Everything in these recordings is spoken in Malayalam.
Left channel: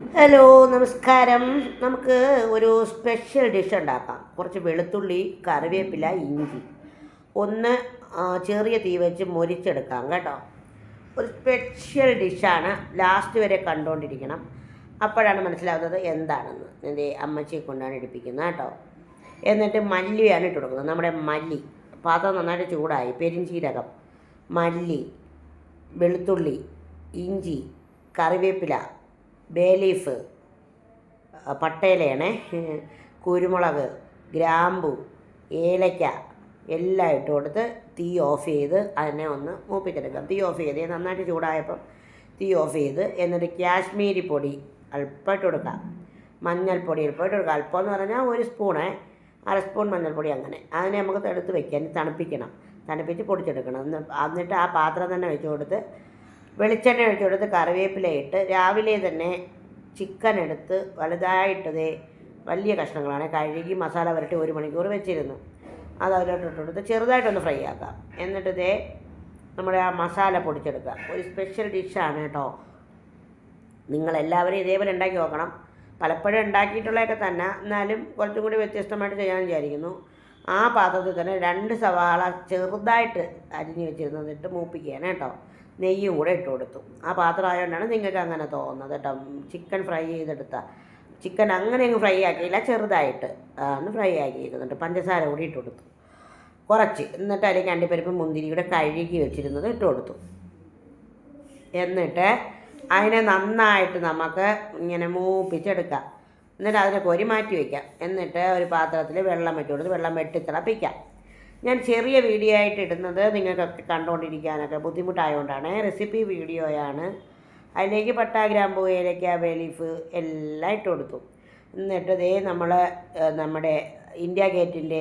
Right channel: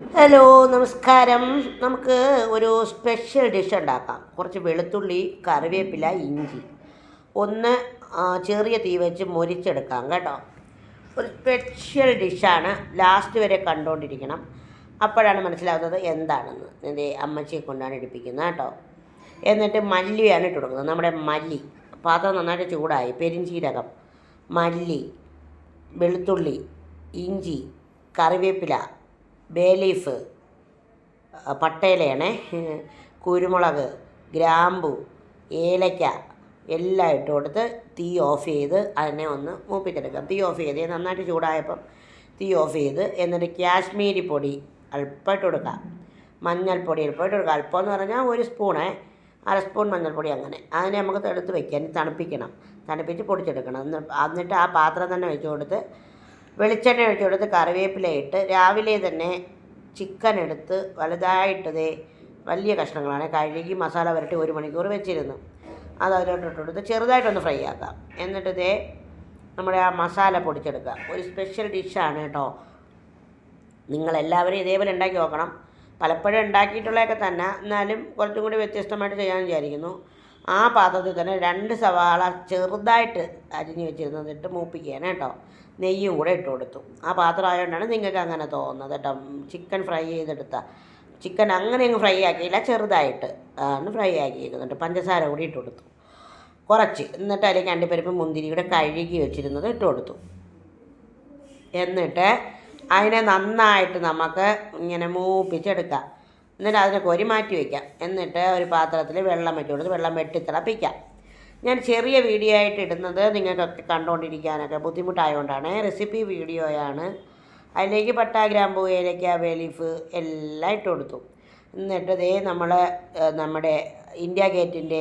ഹലോ, നമസ്കാരം. നമുക്ക് ഒരു സ്പെഷ്യൽ ഡിഷ് ഉണ്ടാക്കാം. കുറച്ച് വെളുത്തുള്ളി, കറിവേപ്പില, ഇഞ്ചി ഒന്ന് ചെറിയ തീ വെച്ച് മൊരിച്ചെടുക്കാം കേട്ടോ. ഒരു സ്പെഷ്യൽ ഡിഷാണ്. ലാസ്റ്റ് വരെ കണ്ടുകൊണ്ടിരിക്കണം. അപ്പോഴാണ് മനസ്സിലാവുന്നത് എന്താണെന്ന്. എൻ്റെ അമ്മച്ചിയെ കൊണ്ടാണ് എടുപ്പിക്കുന്നത് കേട്ടോ. എന്നിട്ട് മല്ലിയാണ് ഇട്ട് കൊടുക്കുന്നത്. നമ്മുടെ മല്ലി പാത്രം നന്നായിട്ട് ചൂടായി. പെരിഞ്ചീരകം, മല്ലി, വെളുത്തുള്ളി, ഇഞ്ചി, കറിവേപ്പില, ബേ ലീഫ്, പട്ടയിലയാണ്, കുരുമുളക്, ഗ്രാമ്പു, ഏലയ്ക്ക എല്ലാം ഇട്ട് കൊടുത്ത് തീ ഓഫ് ചെയ്ത് അതിനെ ഒന്ന് മൂപ്പിച്ചെടുക്കാം. തീ ഓഫ് ചെയ്ത് നന്നായിട്ട് ചൂടായപ്പം തീ ഓഫ് ചെയ്ത് എന്നിട്ട് കാശ്മീരി പൊടി അല്പം ഇട്ട് കൊടുക്കാം. മഞ്ഞൾപ്പൊടി അല്പം ഇട്ട് കൊടുക്കാം. അല്പം എന്ന് പറഞ്ഞാൽ ഒരു സ്പൂണ്, അര സ്പൂൺ മഞ്ഞൾപ്പൊടി. അങ്ങനെ അതിനെ നമുക്ക് എടുത്ത് വയ്ക്കാൻ തണുപ്പിക്കണം. തണുപ്പിച്ച് പൊടിച്ചെടുക്കണം. എന്നിട്ട് ആ പാത്രം തന്നെ വെച്ച് കൊടുത്ത് വെളിച്ചെണ്ണ ഒഴിച്ച് കൊടുത്ത് കറിവേപ്പില ഇട്ട് രാവിലെ തന്നെ ചിക്കൻ എടുത്ത് വലുതായിട്ടതേ വലിയ കഷ്ണങ്ങളാണ് കഴുകി മസാല പുരട്ടി 1 മണിക്കൂർ വെച്ചിരുന്നു. അത് അതിലോട്ട് ഇട്ട് കൊടുത്ത് ചെറുതായിട്ടൊന്ന് ഫ്രൈ ആക്കാം. എന്നിട്ട് നമ്മുടെ ആ മസാല പൊടിച്ചെടുക്കുക. ഒരു സ്പെഷ്യൽ ഡിഷാണ് കേട്ടോ. നിങ്ങളെല്ലാവരും ഇതേപോലെ ഉണ്ടാക്കി നോക്കണം. പലപ്പോഴും ഉണ്ടാക്കിയിട്ടുള്ളതൊക്കെ തന്നെ, എന്നാലും കുറച്ചും കൂടി വ്യത്യസ്തമായിട്ട് ചെയ്യാമെന്ന് വിചാരിക്കുന്നു. ആ പാത്രത്തിൽ തന്നെ 2 സവാള ചെറുതായിട്ട് അരിഞ്ഞ് വെച്ചിരുന്നതിട്ട് മൂപ്പിക്കുകയാണ് കേട്ടോ. നെയ്യ് കൂടെ ഇട്ട് കൊടുത്തു. ആ പാത്രം ആയതുകൊണ്ടാണ് നിങ്ങൾക്ക് അങ്ങനെ തോന്നുന്നത് കേട്ടോ. ചിക്കൻ ഫ്രൈ ചെയ്തെടുത്ത ചിക്കൻ അങ്ങനെ അങ്ങ് ഫ്രൈ ആക്കിയില്ല, ചെറുതായിട്ട് ആണ് ഫ്രൈ ആക്കിയിരിക്കുന്നുണ്ട്. പഞ്ചസാര കൂടി ഇട്ട് കൊടുത്തു കുറച്ച്. എന്നിട്ട് അതിലേക്ക് അണ്ടിപ്പരിപ്പ് മുന്തിരി കൂടെ കഴുകി വെച്ചിരുന്നത് ഇട്ട് കൊടുത്തു. എന്നിട്ട് അതിനെ നന്നായിട്ട് നമുക്ക് ഇങ്ങനെ മൂപ്പിച്ചെടുക്കാം. എന്നിട്ട് അതിനെ കോരി മാറ്റി വയ്ക്കാം. എന്നിട്ട് ഒരു പാത്രത്തിൽ വെള്ളം വെച്ച് കൊടുത്ത് വെള്ളം വെട്ടി തിളപ്പിക്കാം. ഞാൻ ചെറിയ വീഡിയോ ആയിട്ട് ഇടുന്നത് നിങ്ങൾക്കൊക്കെ കണ്ടുകൊണ്ടിരിക്കാനൊക്കെ ബുദ്ധിമുട്ടായതുകൊണ്ടാണ്. റെസിപ്പി വീഡിയോയാണ്. അതിലേക്ക് പട്ട, ഗ്രാമ്പൂ, ഏലയ്ക്ക, ബേ ലീഫ് എല്ലാം ഇട്ട് കൊടുത്തു. എന്നിട്ട് നമ്മുടെ ഇന്ത്യ ഗേറ്റിൻ്റെ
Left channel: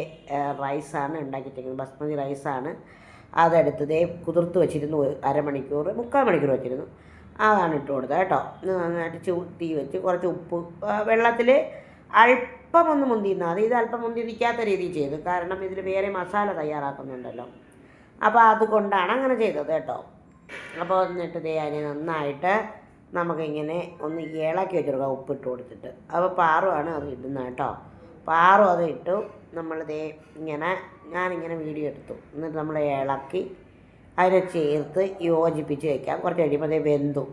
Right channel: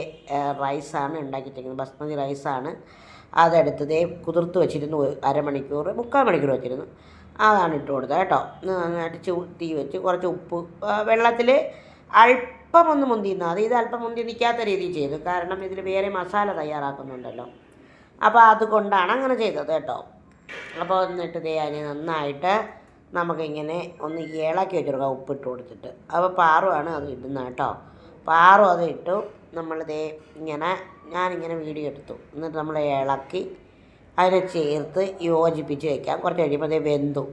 റൈസാണ് ഉണ്ടാക്കിയിരിക്കുന്നത്. ബസ്മതി റൈസാണ്. അതെടുത്ത് കുതിർത്ത് വെച്ചിരുന്നു. അരമണിക്കൂർ 3/4 മണിക്കൂർ വെച്ചിരുന്നു. അതാണ് ഇട്ട് കൊടുത്തത് കേട്ടോ. നന്നായിട്ട് തീ വെച്ച് കുറച്ച് ഉപ്പ് വെള്ളത്തിൽ അല്പം ഒന്ന് മുന്തിന്നാൽ മതി. ഇത് അല്പം മുന്തി നിൽക്കാത്ത രീതിയിൽ ചെയ്തു, കാരണം ഇതിൽ വേറെ മസാല തയ്യാറാക്കുന്നുണ്ടല്ലോ. അപ്പോൾ അതുകൊണ്ടാണ് അങ്ങനെ ചെയ്തത് കേട്ടോ. അപ്പോൾ എന്നിട്ട് അതിനെ നന്നായിട്ട് നമുക്കിങ്ങനെ ഒന്ന് ഇളക്കി വെച്ചെടുക്കാം, ഉപ്പിട്ട് കൊടുത്തിട്ട്. അപ്പോൾ പാറുവാണ് അത് ഇടുന്നത് കേട്ടോ. പാറും അത് ഇട്ടു. ഞാനിങ്ങനെ വീഡിയോ എടുത്തു. എന്നിട്ട് നമ്മൾ ഇളക്കി അതിനെ ചേർത്ത് യോജിപ്പിച്ച് വയ്ക്കാം. കുറച്ച് കഴിയുമ്പോൾ വെന്തു.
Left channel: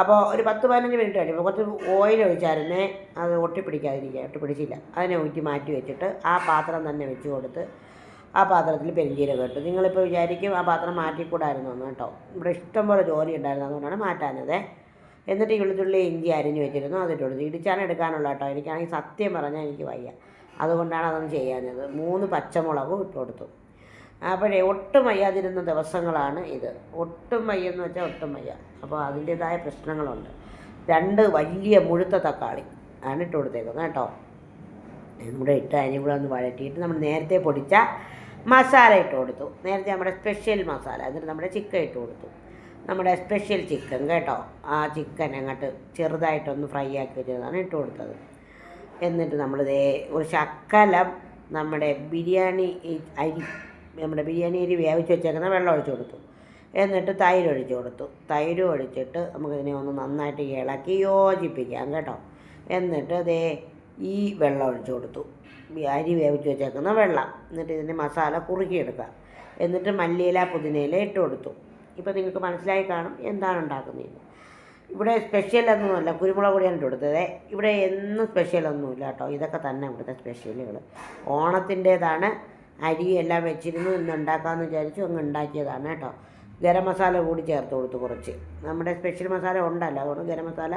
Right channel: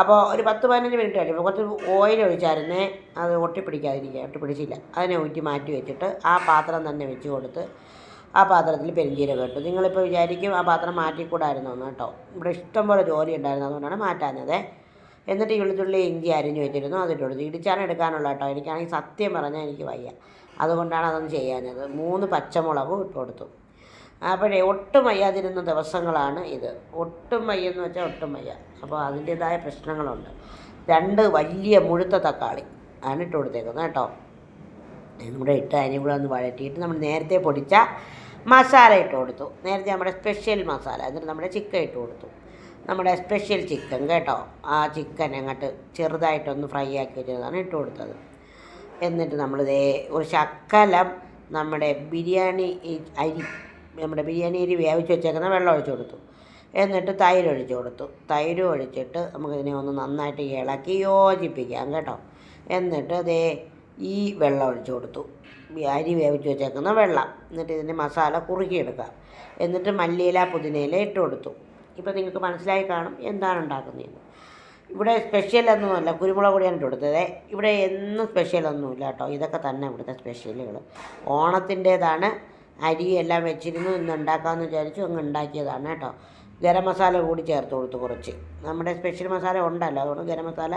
അപ്പോൾ ഒരു 10-15 മിനിറ്റ് കഴിയുമ്പോൾ കുറച്ച് ഓയിൽ ഒഴിച്ചായിരുന്നേ അത് ഒട്ടിപ്പിടിച്ചില്ല. അതിനെ ഊറ്റി മാറ്റി വെച്ചിട്ട് ആ പാത്രം തന്നെ വെച്ച് കൊടുത്ത് ആ പാത്രത്തിൽ പെരിഞ്ചീരകം ഇട്ടു. നിങ്ങളിപ്പോൾ വിചാരിക്കും ആ പാത്രം മാറ്റിക്കൂടായിരുന്നു എന്ന് കേട്ടോ. ഇവിടെ ഇഷ്ടംപോലെ ജോലി ഉണ്ടായിരുന്നു, അതുകൊണ്ടാണ് മാറ്റാഞ്ഞത്. എന്നിട്ട് വെളുത്തുള്ളി, ഇഞ്ചി അരിഞ്ഞ് വെച്ചിരുന്നു, അതിട്ട് കൊടുത്തു. ഇടിച്ചാണ് എടുക്കാനുള്ള കേട്ടോ. എനിക്കാണെങ്കിൽ സത്യം പറഞ്ഞാൽ എനിക്ക് വയ്യ, അതുകൊണ്ടാണ് അതൊന്നും ചെയ്യാഞ്ഞത്. 3 പച്ചമുളകും ഇട്ട് കൊടുത്തു. അപ്പോഴേ ഒട്ടും വയ്യാതിരുന്ന ദിവസങ്ങളാണ് ഇത്. ഒട്ടും വയ്യെന്ന് വെച്ചാൽ ഒട്ടും വയ്യ. അപ്പോൾ അതിൻ്റേതായ പ്രശ്നങ്ങളുണ്ട്. 2 വലിയ മുഴുത്ത തക്കാളി ആണ് ഇട്ട് കൊടുത്തേക്കുന്നത് കേട്ടോ. നമ്മുടെ ഇട്ട് അതിനും കൂടെ ഒന്ന് വഴറ്റിയിട്ട് നമ്മൾ നേരത്തെ പൊടിച്ച മസാല ഇട്ട് കൊടുത്തു. നേരത്തെ നമ്മുടെ സ്പെഷ്യൽ മസാല. എന്നിട്ട് നമ്മുടെ ചിക്കൻ ഇട്ട് കൊടുത്തു. നമ്മുടെ സ്പെഷ്യൽ ചിക്കൻ കേട്ടോ. ആ ചിക്കൻ അങ്ങോട്ട് ചെറുതായിട്ടൊന്ന് ഫ്രൈ ആക്കി വെച്ചതാണ് ഇട്ട് കൊടുത്തത്. എന്നിട്ട് ഒരു ശക്കലം നമ്മുടെ ബിരിയാണി അരി വേവിച്ച് വെച്ചേക്കുന്ന വെള്ളം ഒഴിച്ച് കൊടുത്തു. എന്നിട്ട് തൈര് ഒഴിച്ച് കൊടുത്തു. തൈര് ഒഴിച്ചിട്ട് നമുക്കിതിനെ ഒന്ന് നന്നായിട്ട് ഇളക്കി യോജിപ്പിക്കാം കേട്ടോ. എന്നിട്ട് ഈ വെള്ളം ഒഴിച്ച് കൊടുത്തു, അരി വേവിച്ച് വെച്ചേക്കുന്ന വെള്ളം. എന്നിട്ട് ഇതിൻ്റെ മസാല കുറുക്കിയെടുക്കുക. എന്നിട്ട് മല്ലിയില, പുതിനയില ഇട്ട് കൊടുത്തു. ഇപ്പോൾ നിങ്ങൾക്ക് മനസ്സിലായി കാണും എന്താണ് ഉണ്ടാക്കുന്നതെന്ന്. ഇവിടെ സ്പെഷ്യലൊന്നുമല്ല, കുരുമുളക് പൊടിയാണ് ഇട്ട് കൊടുത്തത്. ഇവിടെ എന്നും സ്പെഷ്യലൊന്നുമില്ല കേട്ടോ. ഇതൊക്കെ തന്നെ ഇവിടുത്തെ സ്പെഷ്യലുകൾ. ഓണത്തിൻ്റേതാണ്. അരി എല്ലാം വെച്ചിരുന്നു, ഇന്ന് ഉണ്ടാക്കാമെന്ന് വിചാരിച്ചു അങ്ങ് ഉണ്ടാക്കിയതാണ് കേട്ടോ. ഗരം മസാല കൂടി ചേർത്ത് കൊടുത്തു കുറച്ച്. നമ്മുടെ സ്പെഷ്യൽ മസാല ഉണ്ടല്ലോ, അതുകൊണ്ട് ഗരം മസാല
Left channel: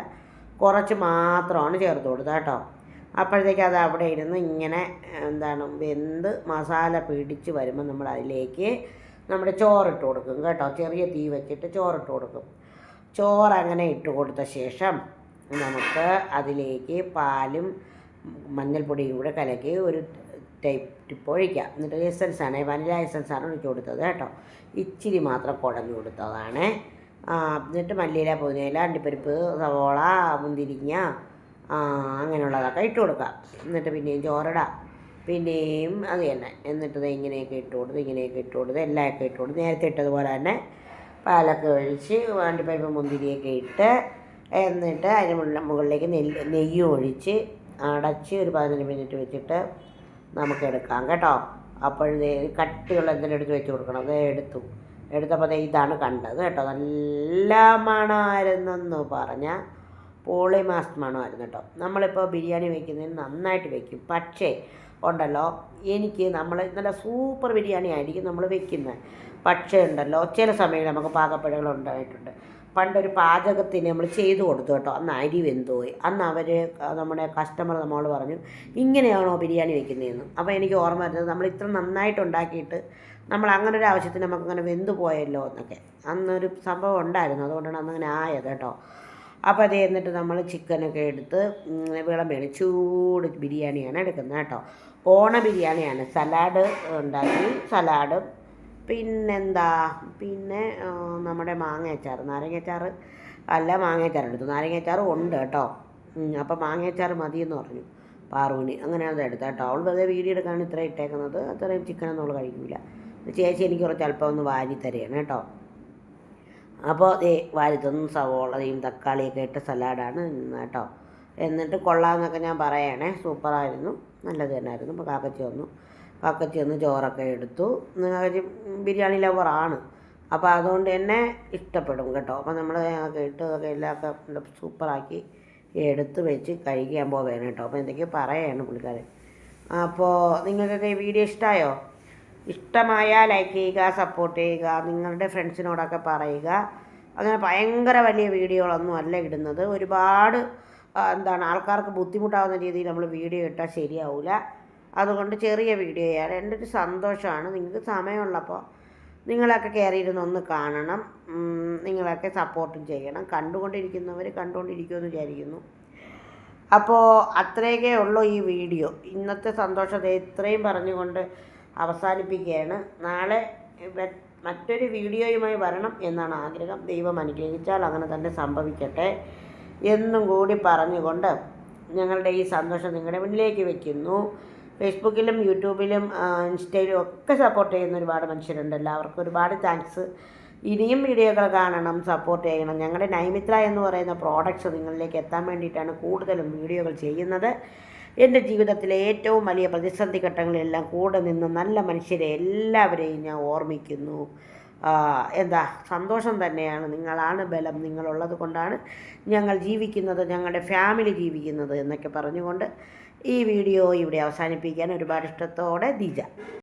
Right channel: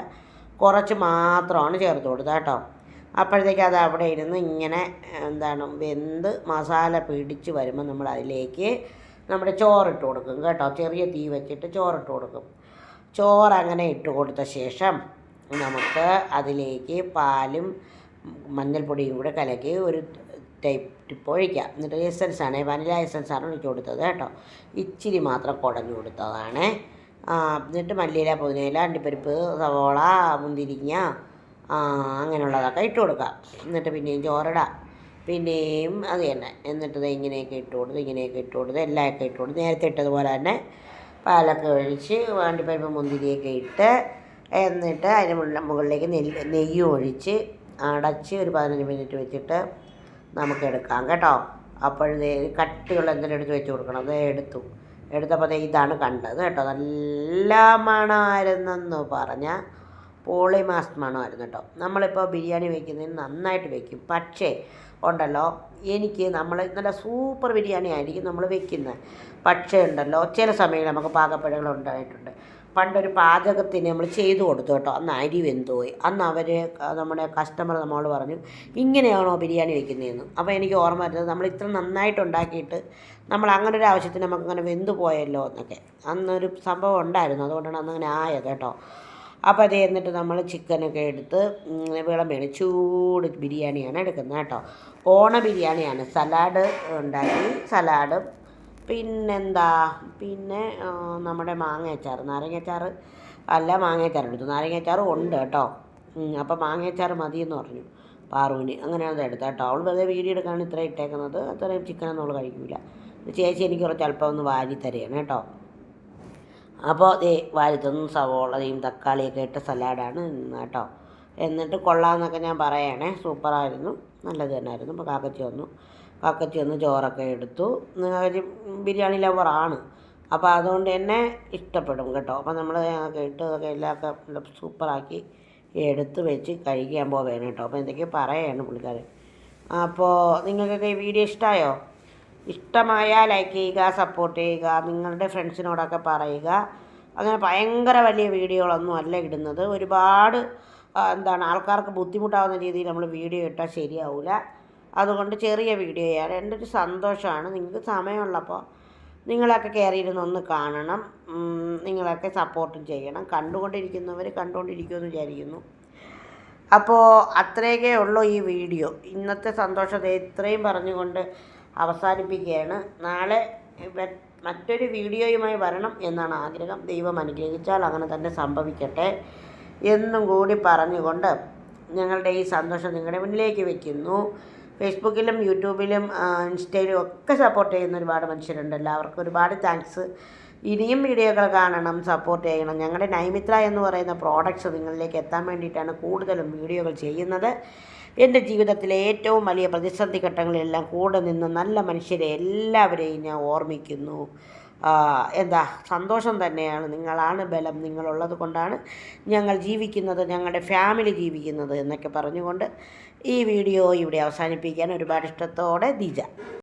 കുറച്ച് മാത്രമാണ് ചേർത്ത് കൊടുത്തത് കേട്ടോ. അപ്പോഴത്തേക്ക് അത് അവിടെ ഇരുന്ന് ഇങ്ങനെ വെന്ത് മസാല പിടിച്ച് വരുമ്പോൾ നമ്മൾ അതിലേക്ക് നമ്മുടെ ചോറിട്ട് കൊടുക്കും കേട്ടോ. ചെറിയ തീ വെച്ചിട്ട് ചോറിട്ട് കൊടുക്കും. ചോറ് അങ്ങനെ ഇട്ട് കൊടുത്ത ശേഷം നമുക്ക് അതിലേക്ക് പാലും മഞ്ഞൾപ്പൊടിയും കൂടെ കലക്കി ഒരു ടിപ്പ് ഒഴിക്കാം. എന്നിട്ട് എസൻസാണ്, വനില എസൻസാണ് ഒഴിച്ച് കൊടുത്തത് കേട്ടോ. ഇച്ചിരി മാത്രം കുടഞ്ഞു കൊടുത്തതാണ്. എന്നിട്ട് മല്ലിയില, പുതിനയില, അണ്ടിപ്പരിപ്പ്, സവോള, മുന്തിരിങ്ങ അങ്ങനെയുള്ളതൊക്കെ ഇട്ട് കൊടുക്കാം. എന്നിട്ട് പിന്നെയും ചോറിടാം. പിന്നെയും അത് തന്നെ. എന്നിട്ട് ഇങ്ങനെയൊക്കെ ഇട്ട് കൊടുത്ത് എല്ലാമൊക്കെ ഇട്ട് കൊടുത്ത് നേരത്തെ ഇട്ടതുപോലെ തന്നെ പാലൊക്കെ ഒഴിച്ച് അണ്ടിപ്പരിപ്പ് മുന്തിരിയൊക്കെ ഇട്ട് എന്നിട്ട് അതിന് മുകളിലേക്ക് നെയ്യ് ഒഴിച്ച് അടച്ച് ഒരു 15 മിനിറ്റ് വെച്ചിട്ട് നമുക്ക് എടുക്കാം കേട്ടോ. അപ്പോഴേ കട്ടിയുള്ള എന്തെങ്കിലും എടുത്ത് വെച്ച് കൊടുക്കണം. അത് എടുത്തപ്പോൾ ഇതാണ് കണ്ടത് കേട്ടോ. നല്ല മണമായിരുന്നെന്ന് പറഞ്ഞാൽ പോളിമാസ് മണമായിരുന്നു കേട്ടോ. നമ്മളിപ്പോൾ ബിരിയാണി വയ്ക്കുന്നതിന് നന്നായിട്ട് വയ്ക്കും. പക്ഷേ ഉണ്ടല്ലോ, എനിക്ക് നമ്മൾ നല്ല സൂപ്പർ ബിരിയാണി ആയിരിക്കും നമ്മൾ വെക്കുന്നത്. പക്ഷേ ഉണ്ടല്ലോ, ചില സമയം നമുക്ക് പാകപ്പിഴകൾ ഉണ്ടായിട്ടുണ്ട്. പണ്ടൊരു പാചകത്തിന് നമ്മൾ ചെയ്തു കൊടുത്തു കേട്ടോ. അന്ന് അരി വെന്തുപോയി. അന്ന് അവർ നമ്മുടെ കസ്റ്റമർ നമ്മളോട് പറഞ്ഞു, ഇങ്ങനെയാണോ ബിരിയാണി വെക്കുന്നതെന്ന്. അപ്പോൾ എനിക്ക് ഓർമ്മ വരുന്നത്, നമ്മൾ ഇത്ര നന്നായിട്ട് ഉണ്ടാക്കിയിട്ട് നമ്മൾ അങ്ങനെ ഒരു ആവശ്യത്തിന് നമുക്കങ്ങനെ വെന്തു പോയല്ലോ എന്നൊക്കെ അന്നൊരു സംഭവം ഉണ്ടായിരുന്നു. അതുകൊണ്ടാണ് അന്നങ്ങനെ ആയത് കേട്ടോ. അപ്പോൾ അത് എന്നിട്ട് നമ്മൾ ചിക്കനൊക്കെ എടുത്ത് വിളമ്പേണ് ചൂട് ബിരിയാണിയാണ് എടുക്കുന്നത് കേട്ടോ. ഓണ ബിരിയാണിയാണ്. സലാഡ് ഉണ്ടാക്കി, സലാഡും പിന്നെന്താ നമ്മുടെ മാങ്ങയച്ചാർ, നാരങ്ങയച്ചാർ അല്ല മാങ്ങയച്ചാർ എടുത്തു. നാരങ്ങയച്ചാറും ഉണ്ട് കേട്ടോ. അപ്പോൾ മാങ്ങയച്ചാർ മതിയെന്ന് പറഞ്ഞു പാറുവിന്. അങ്ങനെ അത് എടുത്താൽ കേട്ടോ. അവൾ വെറുതെ വീഡിയോ എടുക്കാണ് ഇത്ര ഇട്ടേക്കുന്നത്. അത്രയും ചിക്കനൊന്നും അവൾ കഴിക്കില്ല. ചേച്ചി എനിക്ക് കുറച്ച് അല്പം ഒന്ന് വാരി തരികയാണ് കേട്ടോ. അപ്പോൾ വാരി തന്നു. സവോളയും തക്കാളിയൊക്കെ ഇട്ട സലാഡാണ് കേട്ടോ. എന്നിട്ട് കൊള്ളാമെന്നൊക്കെ ഞാൻ പറയണേ. സൂപ്പറായിരുന്നു, നല്ലത് തന്നെയായിരുന്നു. അപ്പോൾ കാക്കച്ചി വന്ന് ചോറൊക്കെ എടുത്തു. ഒരു ബിരിയാണി ലവറാണ്, അപ്പോൾ അതുകൊണ്ട് തന്നെ ഇഷ്ടപ്പെടും കേട്ടോ. അപ്പോൾ നമ്മൾ ഇട്ടതൊക്കെ എല്ലാം സൂപ്പറാക്കി എടുത്ത് വെച്ച് കഴിക്കാൻ പോവുകയാണ് കേട്ടോ. അപ്പോൾ എന്തൊക്കെയോ പറയുകയാണ് പുള്ളിക്കാരൻ. അപ്പോൾ നിങ്ങൾക്കൊക്കെ ഈ വീഡിയോ ഇഷ്ടമായോ? ഇഷ്ടമായാൽ ലൈക്ക് ചെയ്യുക, സപ്പോർട്ട് ചെയ്യുക, നിങ്ങളുടെ ഫ്രണ്ട്സിനോടൊക്കെ പറയുക. അങ്ങനെ ഭയങ്കര വലിയ വീഡിയോകളൊന്നും അല്ല ഇടുന്നത്. ഒരുപാട് ആൾക്കാർക്ക് ബുദ്ധിമുട്ടാവുന്ന രീതിയിൽ നമ്മൾ വീഡിയോ ഇട്ടാൽ ശരിയാവില്ല. അതുകൊണ്ട് ചെറിയ വീഡിയോയാണ്. എൻ്റെ ഒരു സന്തോഷമാണ്. നിങ്ങൾക്ക് സമയമുള്ളപ്പോൾ നിങ്ങളൊക്കെ കയറിയിരുന്ന് ഒന്ന് കാണണം. നിങ്ങളൊക്കെ സപ്പോർട്ടും ചെയ്യണം. കണ്ടുകൊണ്ടിരിക്കുന്നവർ കണ്ടുകൊണ്ടിരിക്കുമെന്ന് വിചാരിക്കുന്നു. അപ്പോൾ അത്രയൊക്കെ ഉള്ളൂ ഈ വീഡിയോ. ഇന്നത്തെ സന്തോഷത്തെ ഇത്രയും പറഞ്ഞുകൊണ്ട് അവസാനിപ്പിക്കുകയാണ്. നാളെ മറ്റൊരു വീഡിയോയുമായി വരണം എന്നാണ് ആഗ്രഹം. ദൈവം അനുഗ്രഹിച്ചാൽ അങ്ങനെ തന്നെ സംഭവിക്കട്ടെ എന്നും കൂടി പറഞ്ഞുകൊണ്ട് ഞങ്ങളുടെ ഈ സന്തോഷം നിങ്ങളുടെ മുന്നിലേക്ക് വയ്ക്കുന്നു. ഫേസ്ബുക്കിലും യൂട്യൂബിലും ഇൻസ്റ്റയിലും ഒക്കെ സപ്പോർട്ട് ചെയ്യുന്ന ഒരുപാട് മനുഷ്യരുണ്ട്. എല്ലാവർക്കും ഒരുപാട് താങ്ക്സ്. ഇനിയും വീഡിയോകൾ കാണണം, സപ്പോർട്ട് ചെയ്യണം. ഞങ്ങളുടെ നൈമിത്ര എന്ന് പറയുന്ന പ്രോഡക്റ്റ്സ് നിങ്ങളിലേക്ക് എത്താൻ വേണ്ടിയിട്ടാണ് കൂടുതലും വീഡിയോകൾ ചെയ്യുന്നത്. എൻ്റെ ജീവിതത്തിലെ ഏറ്റവും വലിയ പ്രതിസന്ധി ഘട്ടങ്ങളിലെല്ലാം കൂടെ നിന്ന് നല്ല മനുഷ്യരെ എല്ലാവരെയും ഞാൻ ഓർമ്മിക്കുന്നു. സന്തോഷം തന്നെയാണ്. നിങ്ങളാണ് ബലം. നിങ്ങളുള്ളത് കൊണ്ടാണ് ഞങ്ങൾ ജീവിക്കുന്നത്, ഞങ്ങളുടെ ഫാമിലി ജീവിക്കുന്നത് എന്നൊക്കെ പറഞ്ഞുകൊണ്ട് ഈ വീഡിയോ ഇവിടെ അവസാനിപ്പിക്കാൻ ഒരുപാട് ഇഷ്ടത്തോടെ ദിജ.